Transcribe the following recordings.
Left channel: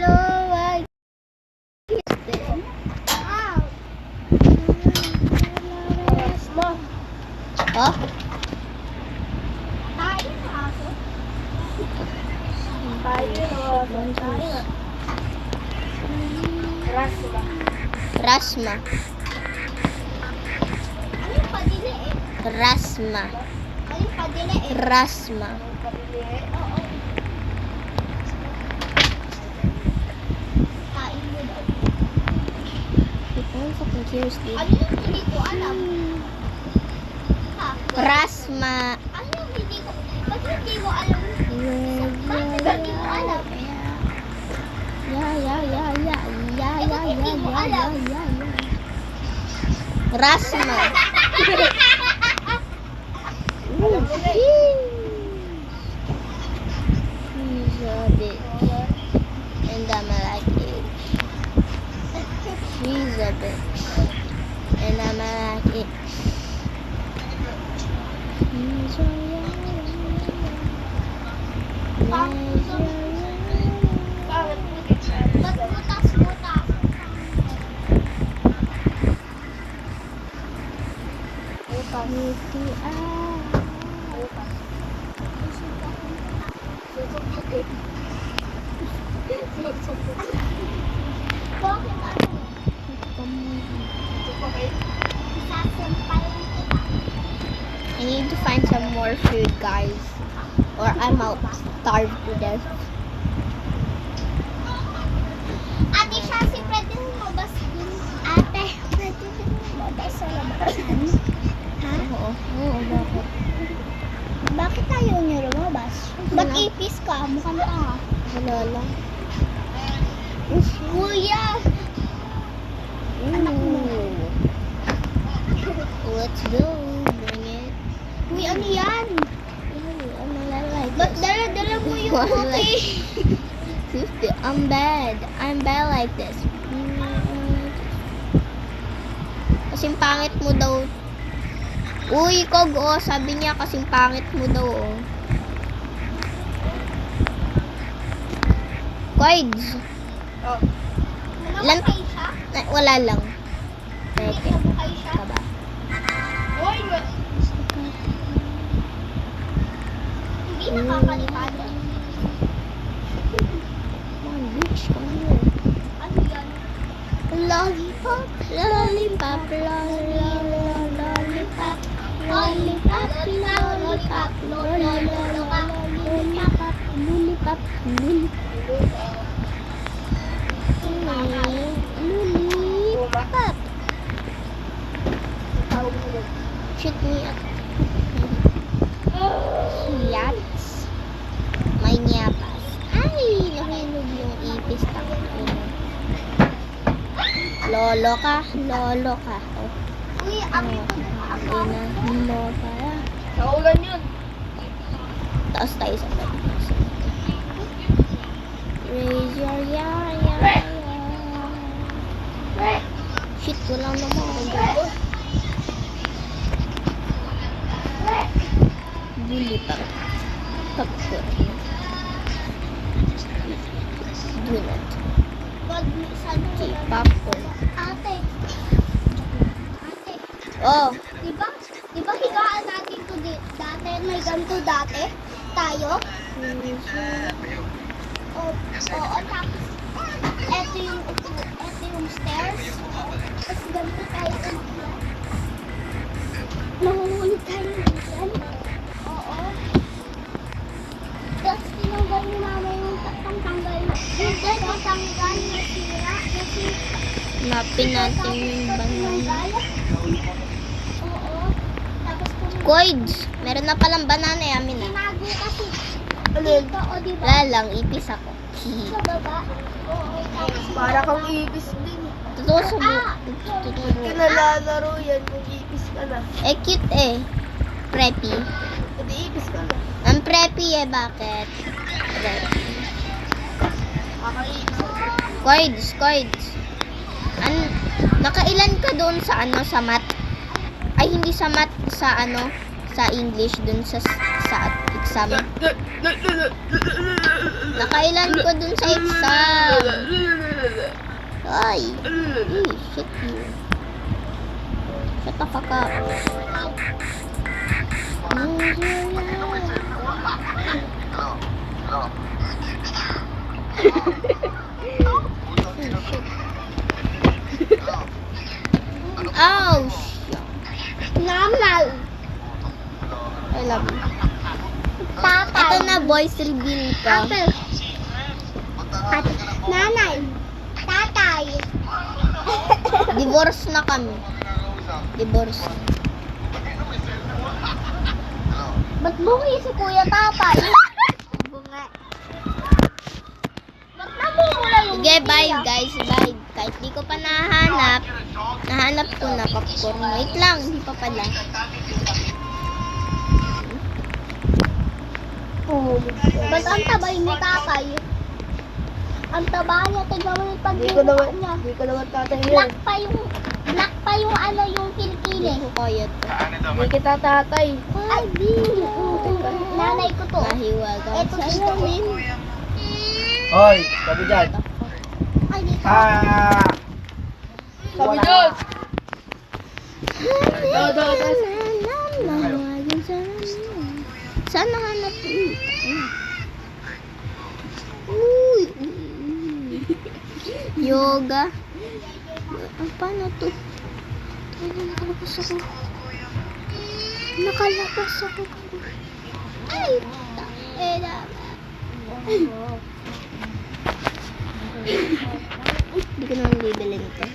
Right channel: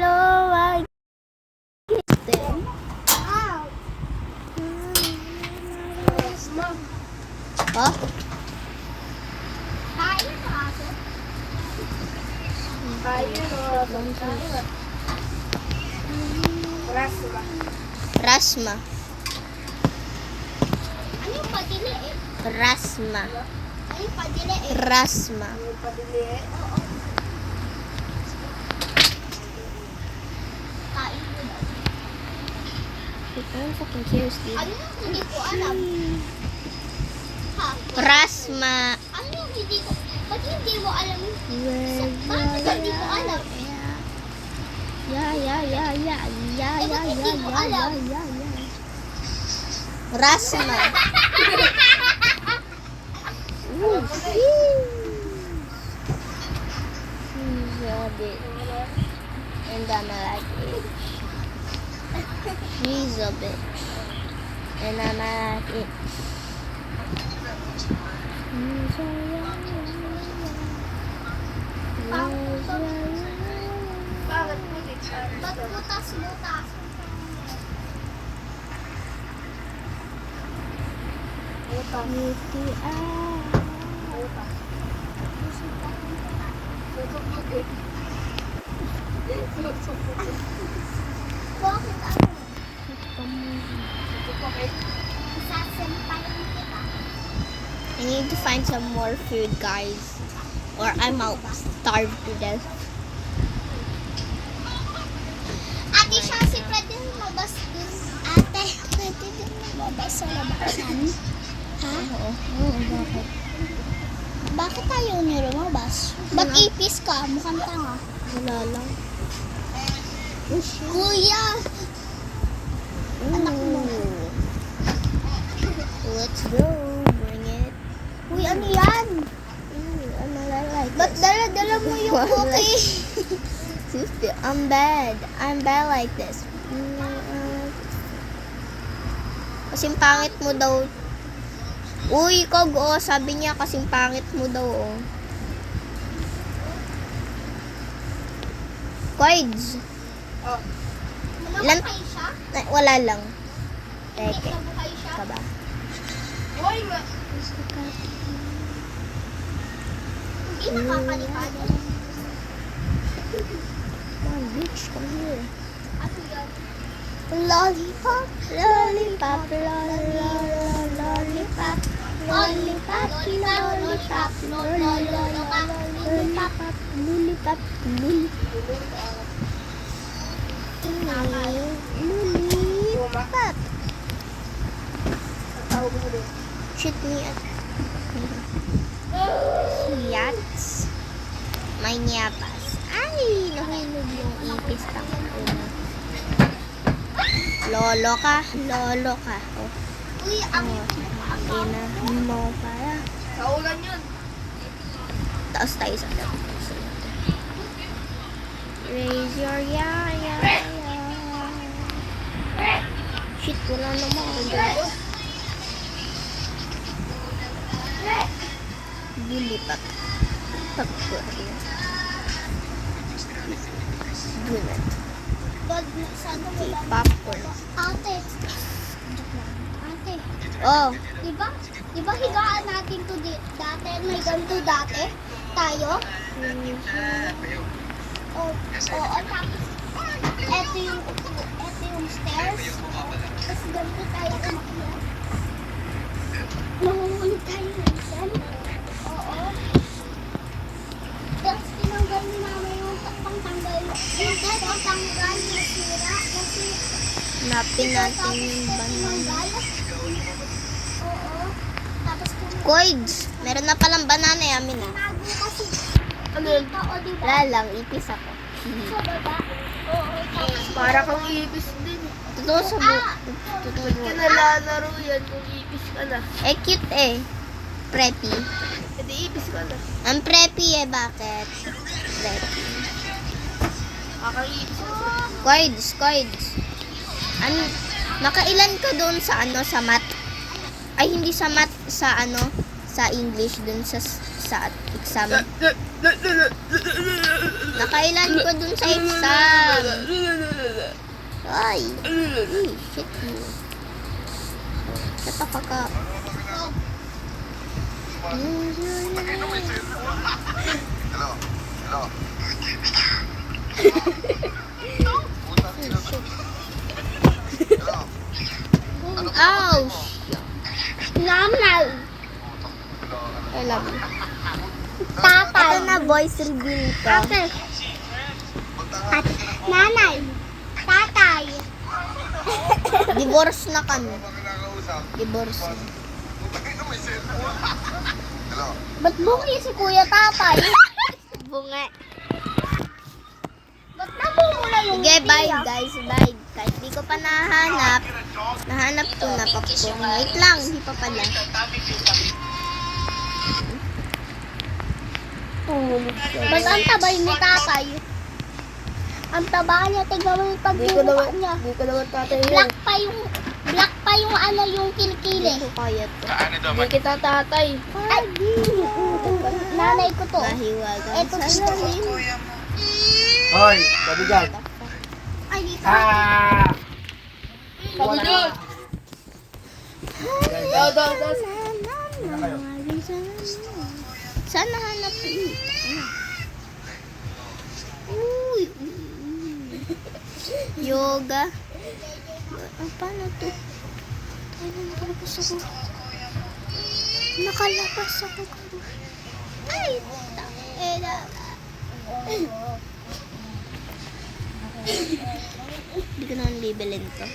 Hello, I kissed them. Oh? Rasma. Ano yung padili eh? Rasma. Ano yung padili eh? Rasma. Kain mo daw. I'm fucking curious, dude. Ano yung hindi ko alam? Ha? Rasma. Ano yung hindi ko? Ba't hindi mo alam? Yeah. Rasma. Ooh, she's a bitch. And I'm like it. She's a bitch. And I'm like it. She's a Ba't butas-butas? Bakit ano? Isasampalan kita. I need to find some more food, guys, or I'm out starve to death. Ate siya, si pwede lumabas dun. Ate, pwede lumabas sa labasan. Ha? Oo, bakit? Bakit tayo niyo lumabas? Ba't ipis ka? Mukhang tanga. Wala lang. Kuya! Anak mo. Let's go. Bring it. Uy, ano yan? I'm like Ba't this. dala-dala mo yung I'm puti? like- Sister, I'm bad. I'm bad like this. Kasing pangit mo daw. Uy, Kog, oh, sabi niya kasing pangit mo daw, oh. Quids. Ilan? Namatay siya? Wala lang. Teke. Namatay siya? Ka ba? Hindi nakapalipad. Come on, bitch, come here. Ano yan? Lollipop, lollipop, lollipop, lollipop, lollipop, lollipop, lollipop, lollipop, lollipop. Shoot me at Yats. May nyapas. Ay, nahulog yung ipis tang una. Lolo ka. Oh, Uy, ang ina mo para. Saulan yun. Taas tayo sa tabi. Raise your ya. Shit, wala naman ako dito. Buli pa. Popcorn. Donut. Okay, popcorn. Ate. Oh, Diba higaan natin to dati? May ganito dati? Tayo? Oo, tapos eto yung stairs. Tapos ganito tayo ulit. Manguhuli tayo ulit. Oo. Tapos tinanggal ni mama yung pangtanggal. Yung pangtanggal na sira. Kasi napin natin yung banana. oo. Tapos kung Coids, meron na palang banana eh, amin ah. tinago kasi dito o diba? Wala lang, ipis ako. Sa baba? Oo. Tapos Para kang ipis din. Totoo sa totoo. Kinalalaro yan kung ipis ka na. Eh, cute eh. Preppy. Hindi ipis ka na. Ang preppy eh, bakit? Preppy. Kakaipis. Coids. Nakailan ka doon sa sa math? Ay, hindi sa math, sa sa English, doon sa exam. Nakailan ko dun sa exam. Ay. Shit you. Shut the fuck up. Oh, shit. Nanay. I love you. Tatay. Ito na, voice reveal ko. Ate. Nanay. Tatay. Divorce na kami. Divorce. Ba't bungi si Kuya Tatay? Bunga. Ba't namumula yung Sige, bye guys. Bye. Kahit di ko pa nahanap. Nahanap ko na popcorn. Wait lang, hindi pa pala. Ba't ang tabay ni Tatay? Ang taba niya, tignan mo yung Di ko pagbubuka naman, niya. di ko naman tatay yun. Black pa yung ano yung Hindi kilikili. ko kaya to. Di kita tatay. Ay, nanay ko to. Mahiwagang Ito sa dito. salamin. Hoy, sabi dyan. Ay, dito. Ah! Sabi dyan! Mahiwagang sa salamin. Saan nahanap yun? Uy. Yoga. Paano to? Nakalabas ako. Nakalabas ako. Ay, eda. Hindi ko naman labelin to.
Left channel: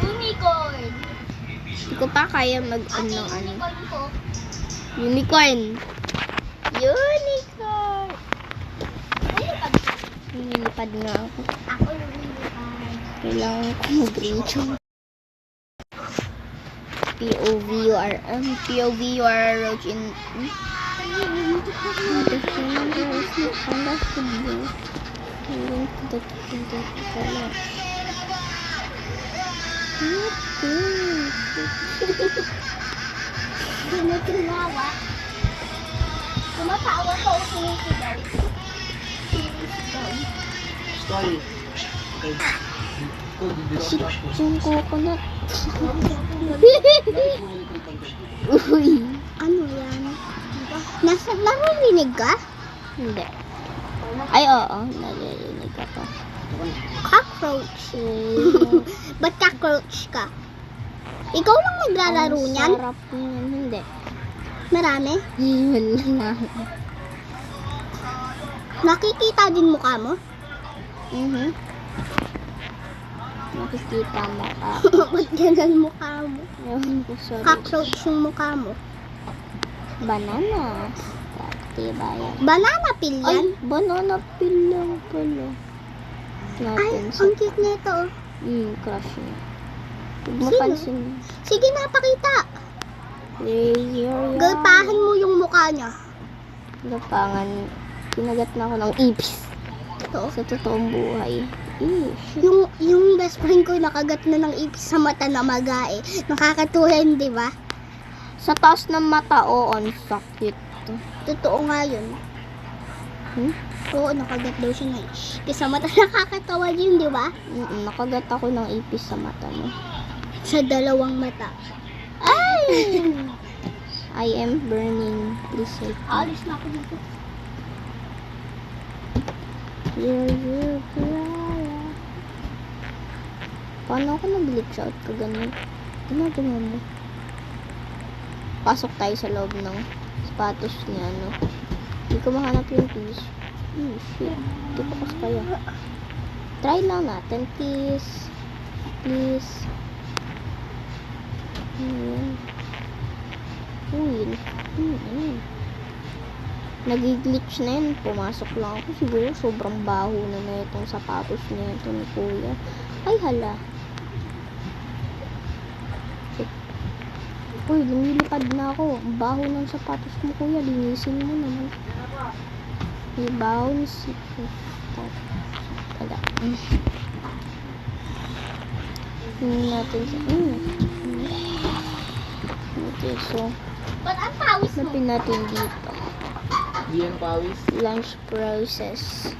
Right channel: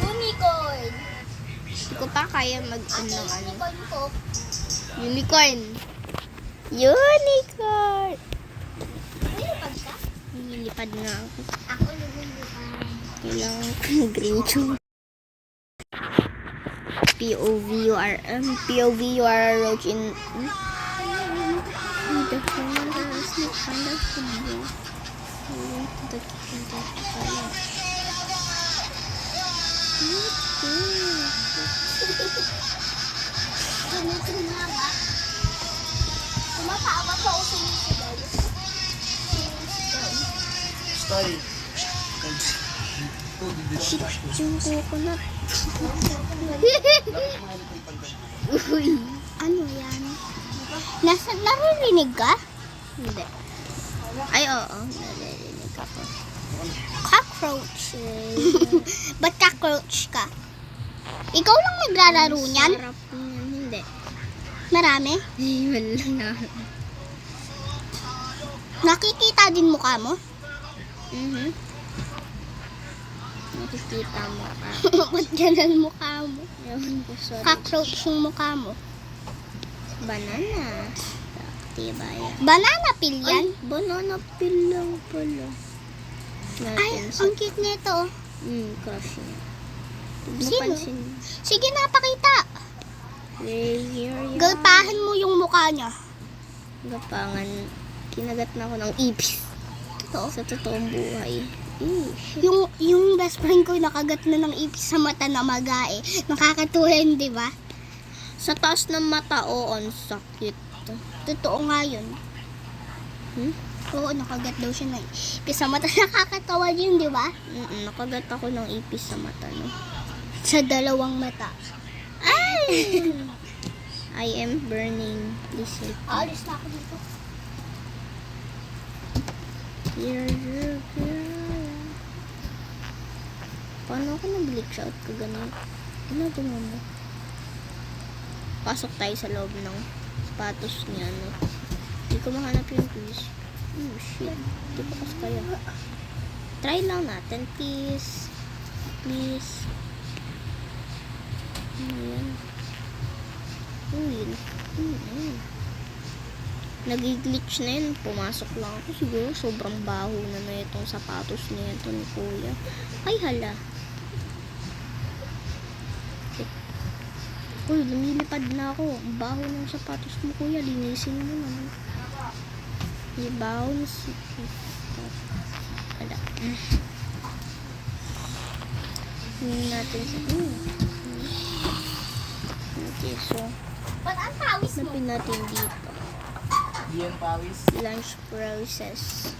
Unicorn. Hindi ko pa kaya mag-on ng ano. Unicorn ko. Unicorn. Unicorn. Lumipad ka. Nilipad nga ako. Ako lumipad. Kailangan ko mag-reach. POV you are roach in... The remember us not find out the blue. We went to the kitchen to the lunch. Tinutinawa. Tumatawa ko o sinisigaw. Sinisigaw. Story. Shit, yung coconut. Uy. Ano yan? Naririnig ka? Hindi. Ay, oo. Nalilinig ako. Cockroach. Ba't cockroach ka? Ikaw lang naglalaro Ang niyan? sarap niyan. Hindi. Marami? Wala. Nakikita din mukha mo? Nakikita mo ka. Ba't ganun mukha mo? Ewan ko, sorry. Cockroach yung mukha mo. Banana. Diba yan? Banana peel yan? Ay, banana peel lang pala. Ay, Natin sa... ang cute nito. crush niya. Huwag mo Sino? pansin. Sige na, pakita. Here, Galpahan mo yung mukha niya. Gapangan. Kinagat na ako ng ipis. Oo. Sa totoong buhay. Shit. Yung best friend ko nakagat na ng ipis sa mata na magae. Nakakatuhan, di ba? Sa taas ng mata, oo, ang sakit. Totoo nga yun. Oo, nakagat daw siya ng ipis sa mata. Nakakatawa yun, di ba? Nakagat ako ng ipis sa mata, no? Sa dalawang mata. Ay! I am burning. Please help me. Alis na ako dito. Here, paano ako nag-glitch out ka ganun? Ginagawa mo. Pasok tayo sa loob ng sapatos niya, no? Hindi ko mahanap yung keys. Shit. Hindi ko kasi kaya. Try lang natin, please. Please. Ayan. Nag-glitch na yun. Pumasok lang ako. Siguro sobrang baho na itong sapatos niya ito ni Kuya. Ay, hala. Uy, lumilipad na ako. Ang baho ng sapatos mo, kuya. Linisin mo naman. May baho na Wala. Tingnan natin sa... Okay, so... Ba't ang pawis mo? Napin natin dito. Iyan pawis. Lunch process.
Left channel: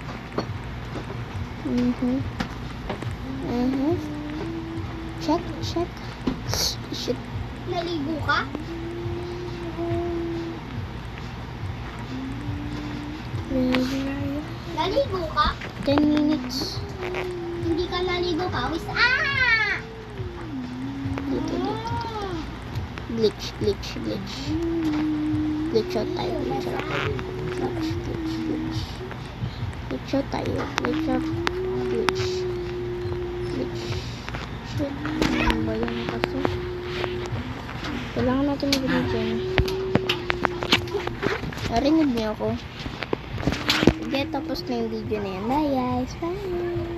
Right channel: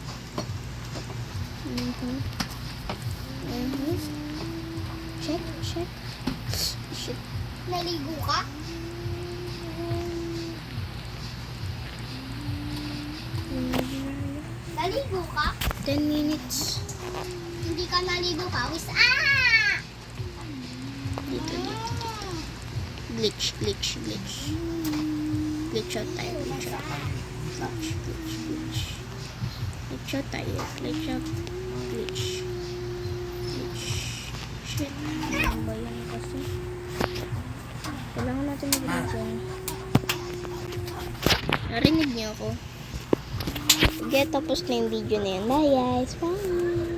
Check. Shit. Naligo ka? Naligo ka? 10 minutes. Hindi ka naligo, pawis. Dito. Glitch. Glitch out tayo. Glitch out tayo. Glitch. Shit. Ano ba yan kasi? Kailangan natin mag-glitch yan. Narinig niyo ako. Sige, tapos na yung video na yan. Bye guys. Bye.